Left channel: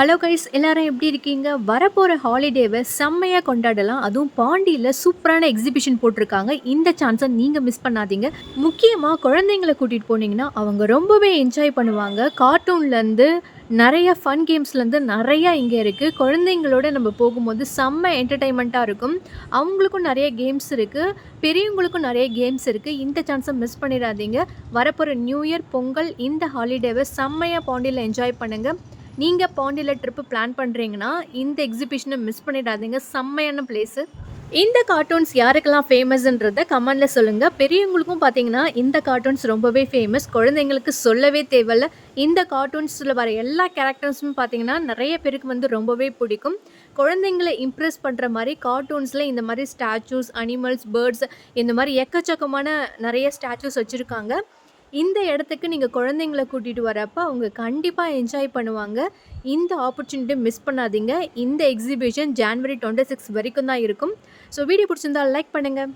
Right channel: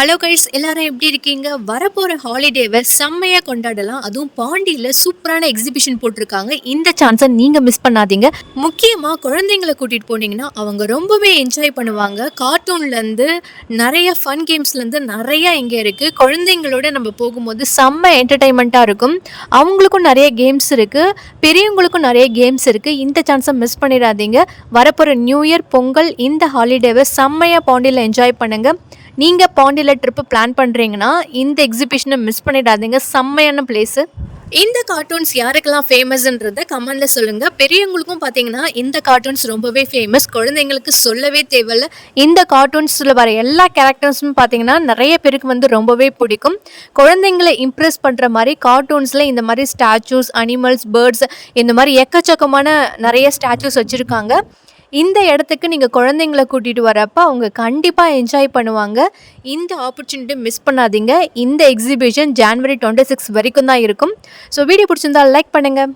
Hello guys எல்லாரும் எப்படி இருக்கீங்க? வரப்போகிற ஹாலிடேவை செம்மையாக கொண்டாடலாம். அதுவும் பாண்டியில் சூப்பரான எக்ஸிபிஷன் போட்டிருக்காங்க. இந்த சான்ஸை நீங்கள் மிஸ் பண்ணாதீங்க. முக்கியமாக குழந்தைங்களை கூட்டிகிட்டு போனீங்கன்னா அவங்க ரொம்பவே என்ஜாய் பண்ணுவாங்க. கார்ட்டூன்லேருந்து நிறைய ஃபன் கேம்ஸ்லேருந்து நிறைய இங்கே இருக்குது குழந்தைங்களோட நம்ம போகும்போது செம்ம என்டர்டைன்மெண்ட்டாக இருக்கும். அவங்களுக்கும் நிறைய கேம்ஸ் இருக்குது பெரியவங்களுக்கும் நிறைய கேம்ஸ் இருக்குது இந்த சான்ஸை மிஸ் பண்ணிடாதீங்க. வரப்போகிற நியூ இயர் பொங்கல் இந்த ஹாலிடேவை செம்மையாக பாண்டியில் என்ஜாய் பண்ணுங்கள் நீங்கள் பாண்டியில் ட்ரிப்பு பிளான் பண்ணுறீங்கன்னா இந்த எக்ஸிபிஷனை மிஸ் பண்ணிடாதீங்க. செம்மையான பிளேஸு இந்த கார்ட்டூன்ஸ் யாருக்கெல்லாம் ஃபேமஸ்ன்றத கமெண்டில் சொல்லுங்கள் பெரியவங்களுக்கும் பார்த்தீங்கன்னா இந்த கார்ட்டூன்ஸ் ரொம்பவே ஃபேமஸ் குழந்தைங்களுக்கு சொல்லவே தேவையில்ல. இந்த கார்ட்டூன்ஸில் வர எல்லா கேரக்டர்ஸும் பார்த்தீங்கன்னா நிறைய பேருக்கு வந்து ரொம்பவே பிடிக்கும். குழந்தைங்களை இம்ப்ரெஸ் பண்ணுற மாதிரி கார்ட்டூன்ஸில் இந்த மாதிரி ஸ்டாச்சூஸ் அனிமல்ஸ் பேர்ட்ஸ் இந்த மாதிரி எக்கச்சக்கமான நிறைய ஸ்டாச்சூஸ் வச்சுருக்காங்க. இந்த இடத்துக்கு நீங்கள் குழந்தைங்கள கூட்டிகிட்டு வரப்போ அவங்க கண்டிப்பாக என்ஜாய் பண்ணுவாங்க. இந்த ஆப்பர்ச்சுனிட்டி மிஸ் பண்ணாதீங்க. இந்த எக்ஸிபிஷன் ஜான்வரி டுவெண்ட்டி சிக்ஸ் வரைக்கும் தான் இருக்கும். ஸோ வீடியோ பிடிச்சிருந்தா லைக் பண்ணுங்கள்